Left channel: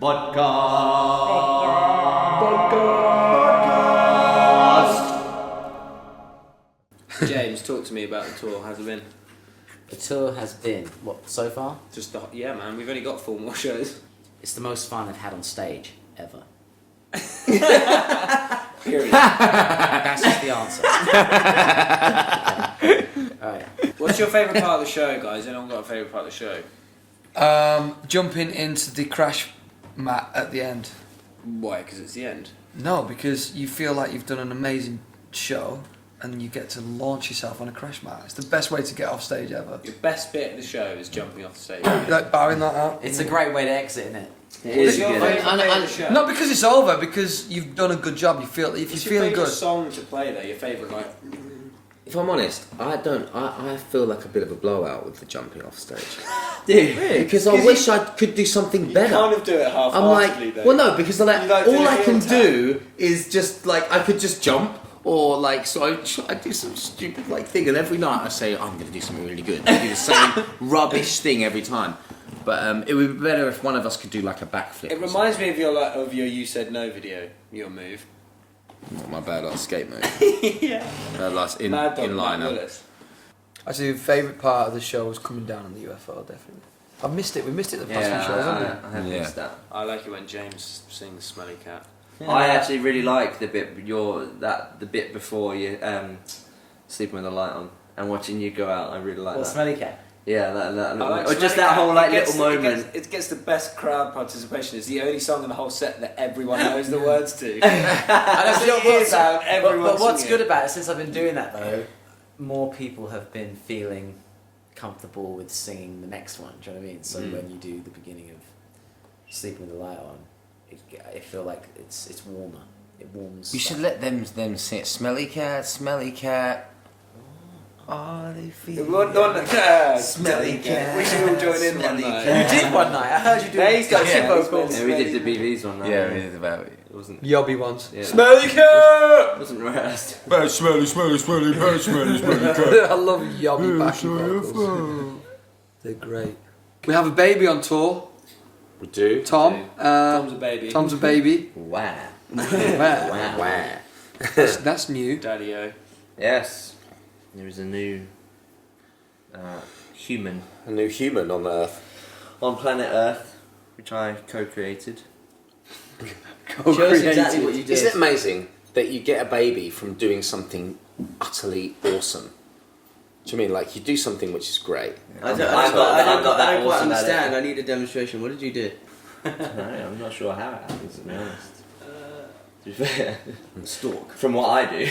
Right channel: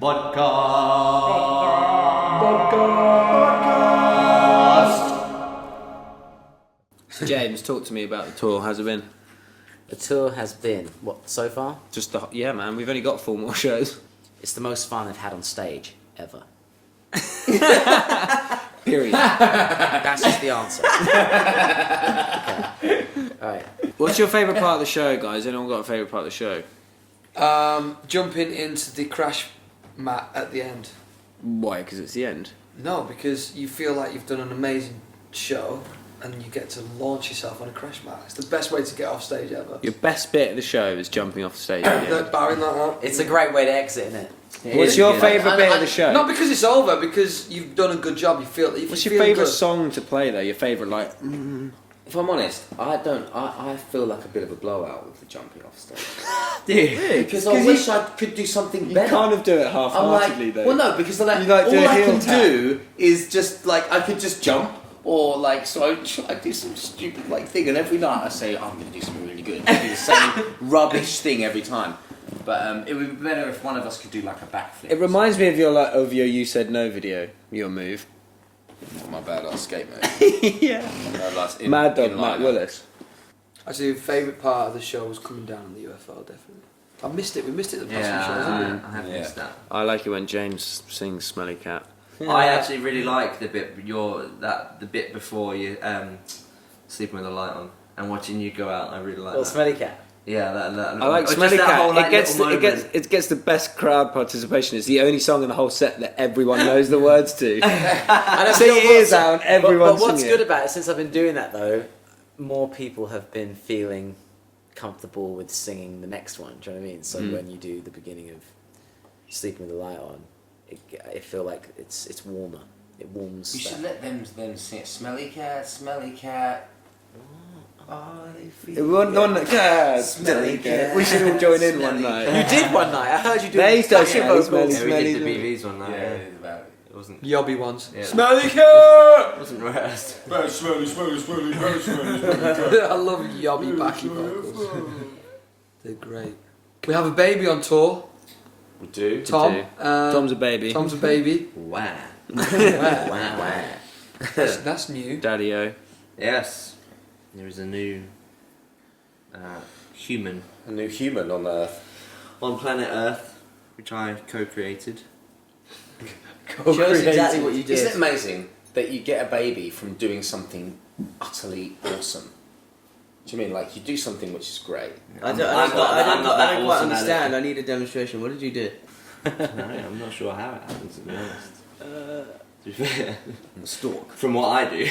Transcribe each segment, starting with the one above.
Vodcast. James, talk to me about the tour. How's it been? The tour has been, what, so far? Yeah, man. We've only got 4 more shows. It's the most fun I've had on stage, ever. Period. That's just the answer. Okay. Alright. What's your favourite part of the show, guys? Anyone got a favourite part of the show? Jumping into the crash mat at the end. Why? Because it's the end. No, because you feel like you've done an amazing show and you get to launch yourself on a crash mat. It's the best way to get off stage ever. Your best bit of the show is jumping off stage. Like bowing like that. It's a great way to exit, isn't it? What's your favourite bit of the show? Not because it's over, because you've done a good job. You feel. If What's you your feel favourite good. song to play though? Your favourite like? If I'm honest, I feel like a bit of a blowout with the jumping off stage. Dude, really? Because I wish I could do something better. You kind of do it half-heartedly I'm like, though. well, no, because like, You like do all a I heel can tap. do is just like I could just jump, or like so I do some stupid like thing, and every night I say I'm going to do something really good. I do the same rubbish thing every time. But it would be better if one of us could do like a backflip. It reminds me of your "You Said No" video. Your move. Not my bad last skate mode. Yeah. Bad last Mad Dog in Matt line. Willis. Actually, the favourite part of the show was coming down on the UFO. Definitely. I missed it. We missed it the past few shows, haven't we? I have missed that. I like it when James sings "Smelly Cat." I actually really like the bit the bit before you sleeping with the light on and watching you go out. I really like Well, that. Smelly Cat. Yeah, that I like or Smelly just that Cat. whole like It gets little the- moment. It gets the best crowd participation. It's the only song in the whole set that everyone knows the words to. And I See feel your ears out, and everyone's but what's singing good it. about it, since I've been doing that though, more people have been feeling comfortable with singing the next one. Do you know what I mean? So when you do the beginning of Sleeping with the Light On, I feel like it's warmer. It warms. You should let them sing it. Smelly cat, smelly cat. Smelly Cat. We should all join in one night. You did one night. I heard you do. There you go. shit Yeah, vocals. Yeah, we did the BVs one night. Yeah, it is about it. It wasn't. Yobby ones. Yeah. Smelly cat. It wasn't rehearsed. I love Yobby backing vocals. They're great. We have a baby on tour. We do. Tom. Tom's a baby. Tom's a baby. Wow. Wow. That's new. Daddy-o. Yes, there is a new human A new human on Earth. on planet Earth, which I co-created. Oh, Show us creative. exactly what you Isn't it did. amazing that you get a baby from doing something utterly awesome? Do you mean like you do something which is great? I don't I'm not that quite awesome at understand. it. I need a demonstration. What did you do? I'm not sure how it happens, to be honest. To be fair, Stalk. from what I do.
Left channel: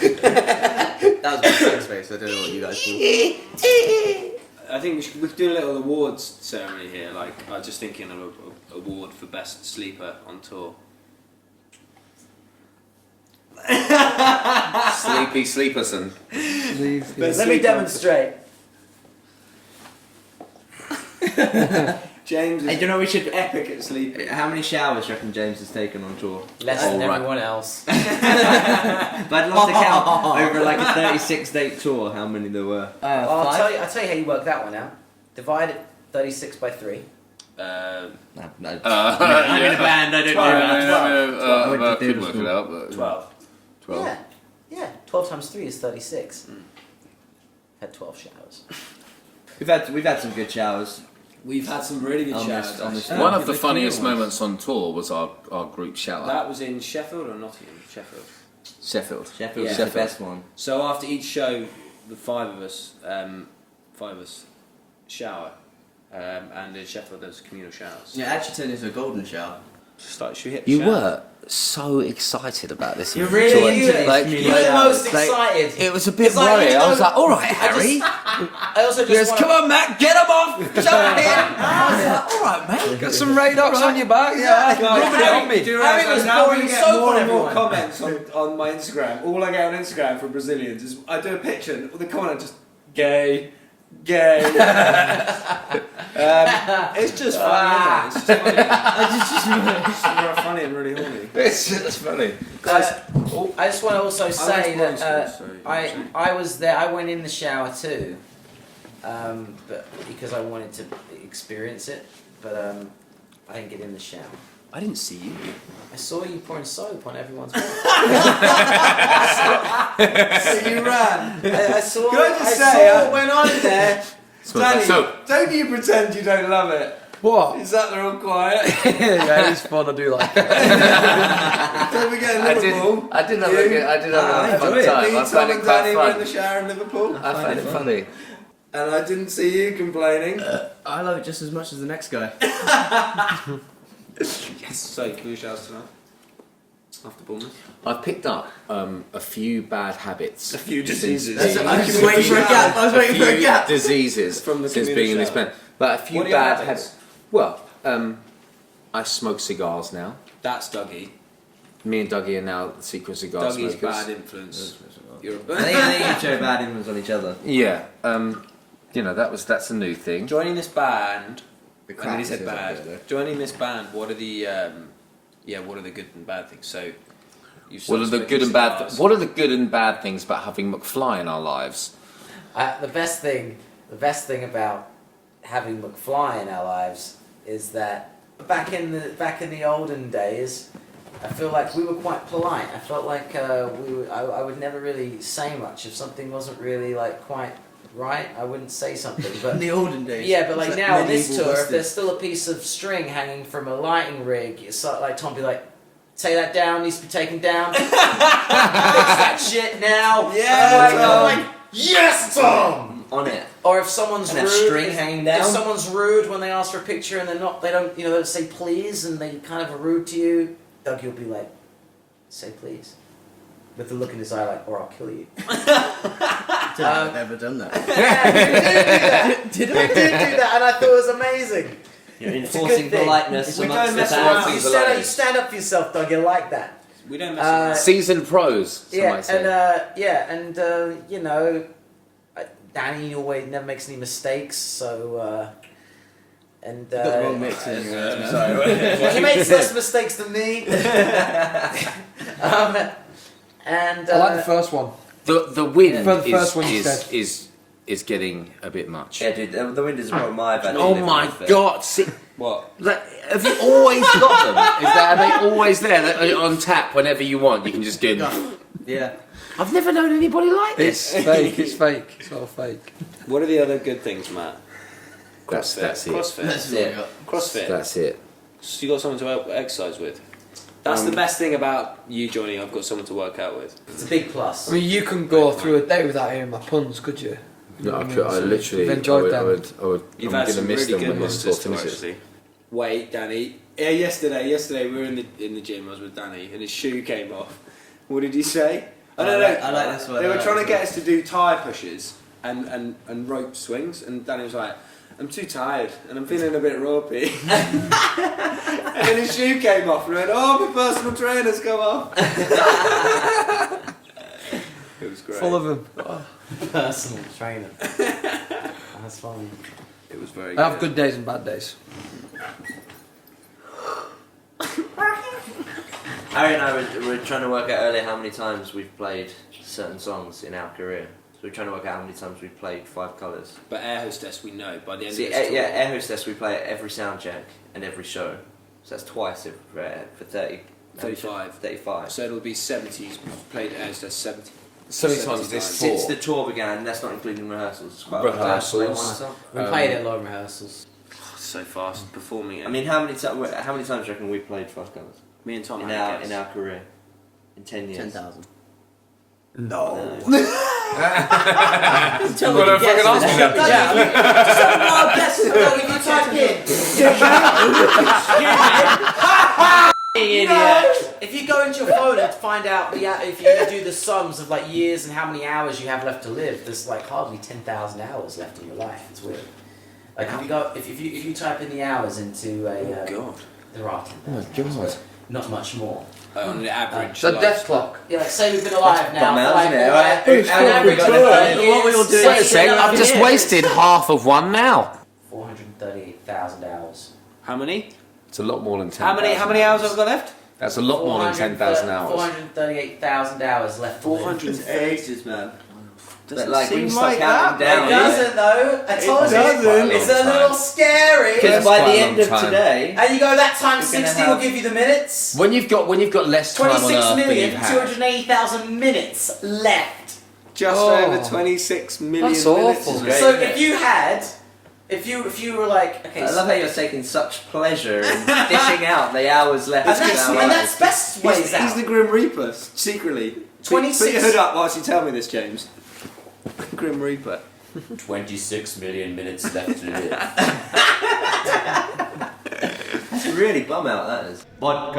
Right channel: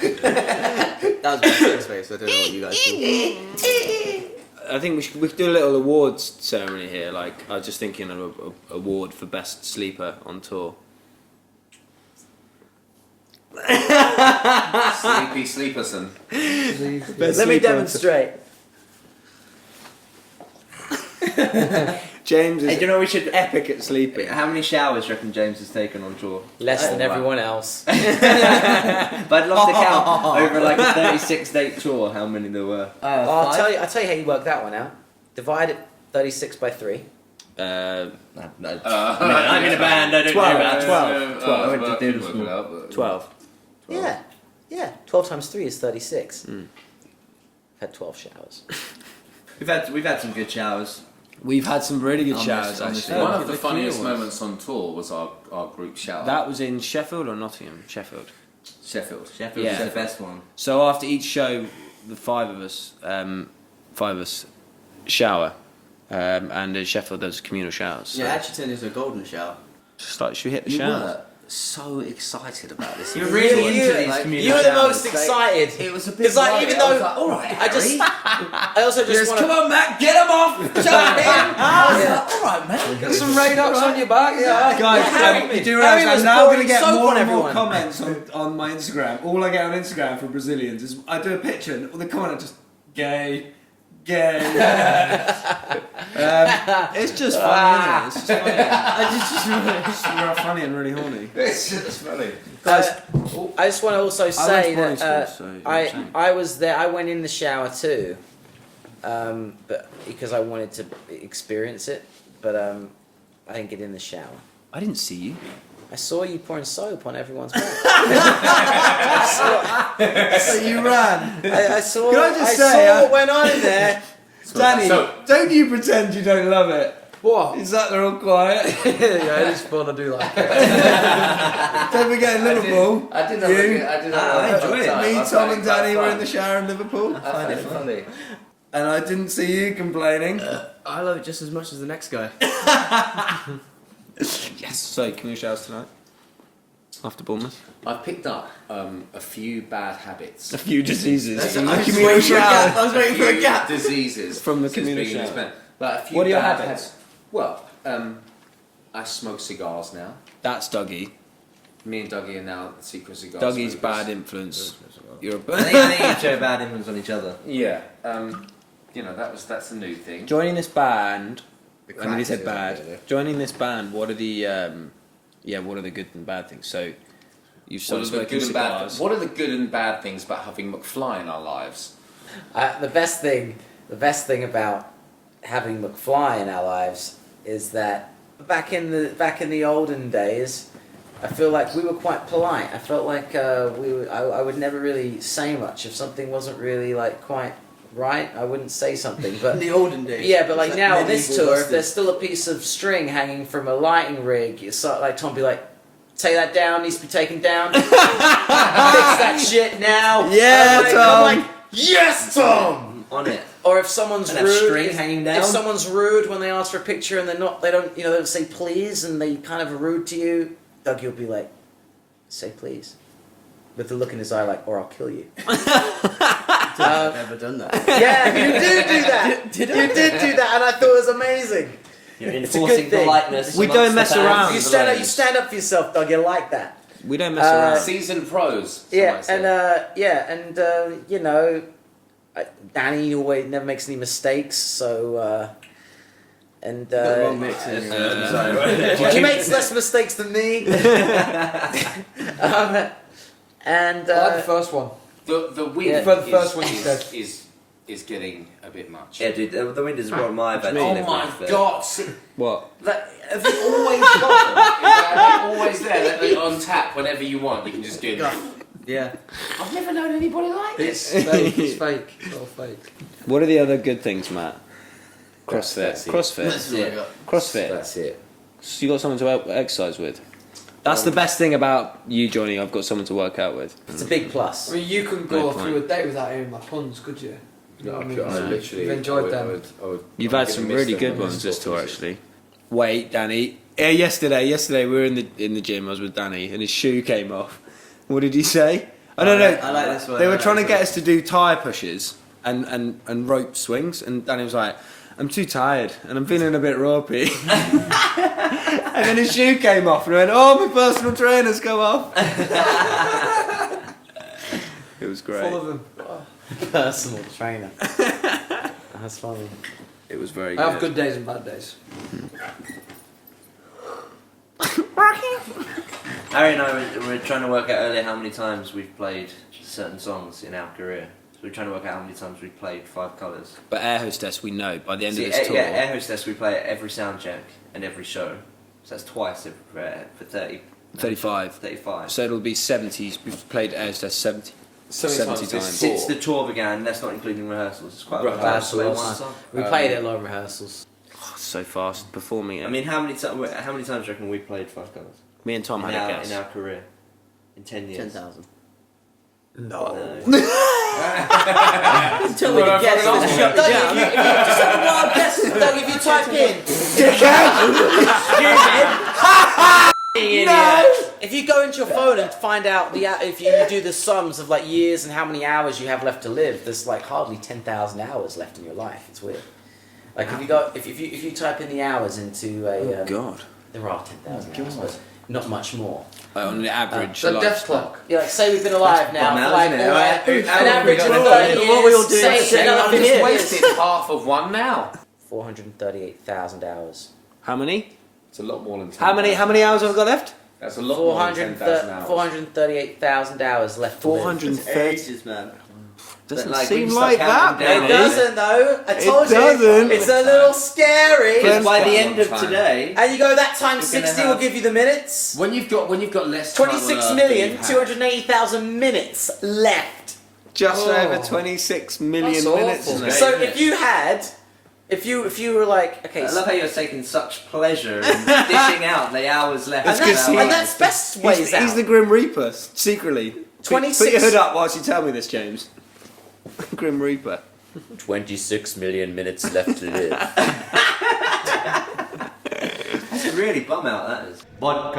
That was my sex face. I don't know what you guys thought. I think we could do a little awards ceremony here. Like I was just thinking of an award for best sleeper on tour. Sleepy Sleeperson. Let me demonstrate. James is Hey, do you know we should? epic at sleeping. How many showers do you reckon James has taken on tour? Less than Alright. everyone else. But I'd love to count over like a 36-date tour how many there were. I'll tell you how you work that one out. Divide it 36 by 3. I'm in a band. I don't do that. I went to theatre school. 12. Yeah. 12 times 3 is 36. I've had 12 showers. We've had some good showers. We've had some really good On showers. this- on this actually. One of the clear funniest ones. moments on tour was our group shower. That was in Sheffield or Nottingham? Sheffield. Sheffield Yeah. was the best one. So after each show, the five of us shower, and in Sheffield there's communal showers. So actually turned into a golden shower. just like, should we hit the You shower? were so excited about this. You're really Enjoyed into it. these Like, communal You're the showers. most excited. It was a bit It's like, worrying. even I was though- like, all right, Harry. I also just want Come on, Matt, get him off! Shut him! I was like, all right, mate. Got some radox on your back. Yeah. Guys, Harry- do you Harry realise was I'm now going to pouring get soap more on and more everyone. comments on my Instagram. All I get on Instagram from Brazilians is I do a picture and the comment is just gay, Gay. It's just funny, isn't it? It's just funny. It's just funny and really horny. It's just funny. I just want to also say went to that primary school, so I was there. I went in the shower too, but because I wanted to experience it. But I didn't get in the shower. I didn't see you. I saw you pouring soap on everyone's back. So you ran. I saw. Can I just I say, saw what went on in there. Danny, So- don't you pretend you don't love it. What? Is that they're all quiet? Yeah, it's fun. I do like it. Don't forget in Liverpool. I did have a good. I did have I a enjoy it. fun time. Me, I Tom found and it quite Danny were in the fun. shower in Liverpool. I found it funny. And I didn't see you complaining. I love it just as much as the next guy. Yes. So, can you shout us tonight? After Bournemouth? I've picked up a few bad habits. A few diseases. I was waiting for a gap. I was waiting for a gap. Diseases From the since being in this community. band. But a few What are your bad habits? habits. Well, I smoke cigars now. That's Dougie. Me and Dougie are now secret cigar Dougie's smokers. bad influence. You're a I think you show bad influence on each other. Yeah. You know that's a new thing. Joining this band. The I mean, he crack said is up bad. there, Joining this band. What are the what are the good and bad things? So, you've What are the started good and bad? cigars. What are the good and bad things about having McFly in our lives? The best thing about having McFly in our lives is that back in the olden days, I feel like we were quite polite. I felt like I would never really say much if something wasn't really like quite right. I wouldn't say something, but In the olden days. yeah, but like It's now on this medieval tour, if busted. there's still a piece of string hanging from a lighting rig, it's like Tom be like, "Take that down. Needs to be taken down. Fix that shit now." Yeah, I'm like, "Yes, Tom." On it. Or if someone's And have rude, string hanging down. if someone's rude when they ask for a picture and they don't say please and they kind of are rude to you, Doug, you'll be like, "Say please," with the look in his eye like, "Or I'll kill you." I've never done that. Yeah, you did do that. Did You did do that, and I thought it was amazing. You're It's a enforcing good thing. politeness. We amongst don't mess the fans. around. You stand up for yourself, Doug. You like that. We don't mess around. Seasoned pros. Yeah, some might say. you know, Danny always never makes any mistakes, so and You got the wrong mix in your I'm sorry. he makes less mistakes than me. And I like the first one. The wind Yeah. For the first one you said. is getting a bit much. Yeah, dude, the wind is a problem I've had to Oh live my with. god! What? Have you always got them? Are they always there? They're on tap whenever you want. You can just get. Yeah. I've never known anybody like this. It's fake. It's fake. It's not fake. What are the other good things, Matt? CrossFit. That's it. CrossFit. That's what I got. CrossFit. That's it. So you got someone to exercise with. That's the best thing about you joining. I've got someone to work out with. it's a big plus. I mean, you couldn't go through a day without hearing my puns, could you? No, I mean, could. I so literally. you've enjoyed them. I would, You've I'm had gonna some miss really them good when ones this just tour to finishes. actually. Wait, Danny. Yeah, yesterday we were in the gym. I was with Danny, and his shoe came off. What did he say? I don't know. I like this one. They I were like trying to this get one. us to do tire pushes and rope swings, and Danny was like, "I'm too tired, and I'm feeling a bit ropey." And then his shoe came off, and I went, "Oh, my personal trainer's come off." It was great. Full of them. Personal trainer. That's funny. It was very. I have good days and bad days. Harry and I were trying to work out earlier how many times we've played certain songs in our career. So we're trying to work out how many times we've played Five Colours. But Air Hostess, we know by the end See, of this tour. yeah, Air Hostess we play at every sound check and every show. So that's twice for 30. 35. 35. So it'll be 70s. We've played Air Hostess 70. 70 times. times. Since the tour began, that's not including rehearsals. It's quite a lot of times to play one song. We played it a lot of rehearsals. So fast performing it. I mean, how many times do you reckon we played Five Colours me and Tom in had a our guess. in our career? In 10 years. 10,000. No. Tell me to guess. Let's shut me down. Just have a wild guess. Doug, if you type in. Idiot. If you go into your phone and find out if you do the sums of like years and how many hours you have left to live, there's like hardly 10,000 hours left in your life. It's weird. Like if you type in the hours into a God. there are 10,000 hours. not much more. On the average. So like- death clock. Yeah, like say we've been alive now. bum out, for isn't it? like, Right? an How long have we average got of left? 30 What were we all years, doing? say Saying that I've over just here. wasted half of one now. 438,000 hours. How many? It's a lot more than 10. How many hours have I got left? That's a lot more than 10,000 hours. 438,000 hours left to live. 430. Ages, man. Doesn't But like when you seem start like counting that. down, It doesn't though. I told you. doesn't. It's a little scary. because by Quite the a end long of time. today, And you go that times You're gonna 60 will have- give you the minutes. When you've got less time on Earth than you've had. 26,280,000 minutes left. Just Oh. over 26 million That's minutes. awful. isn't Great, it? So isn't if you had, if you were like, okay, I love how you're taking such pleasure in dishing out the hours left and of that's, our and lives. that's best ways He's out. the Grim Reaper, secretly. 26 Put your hood up whilst you tell me this, James. Grim Reaper. 26 million minutes left to live. That's really bum out, that is. Vodka.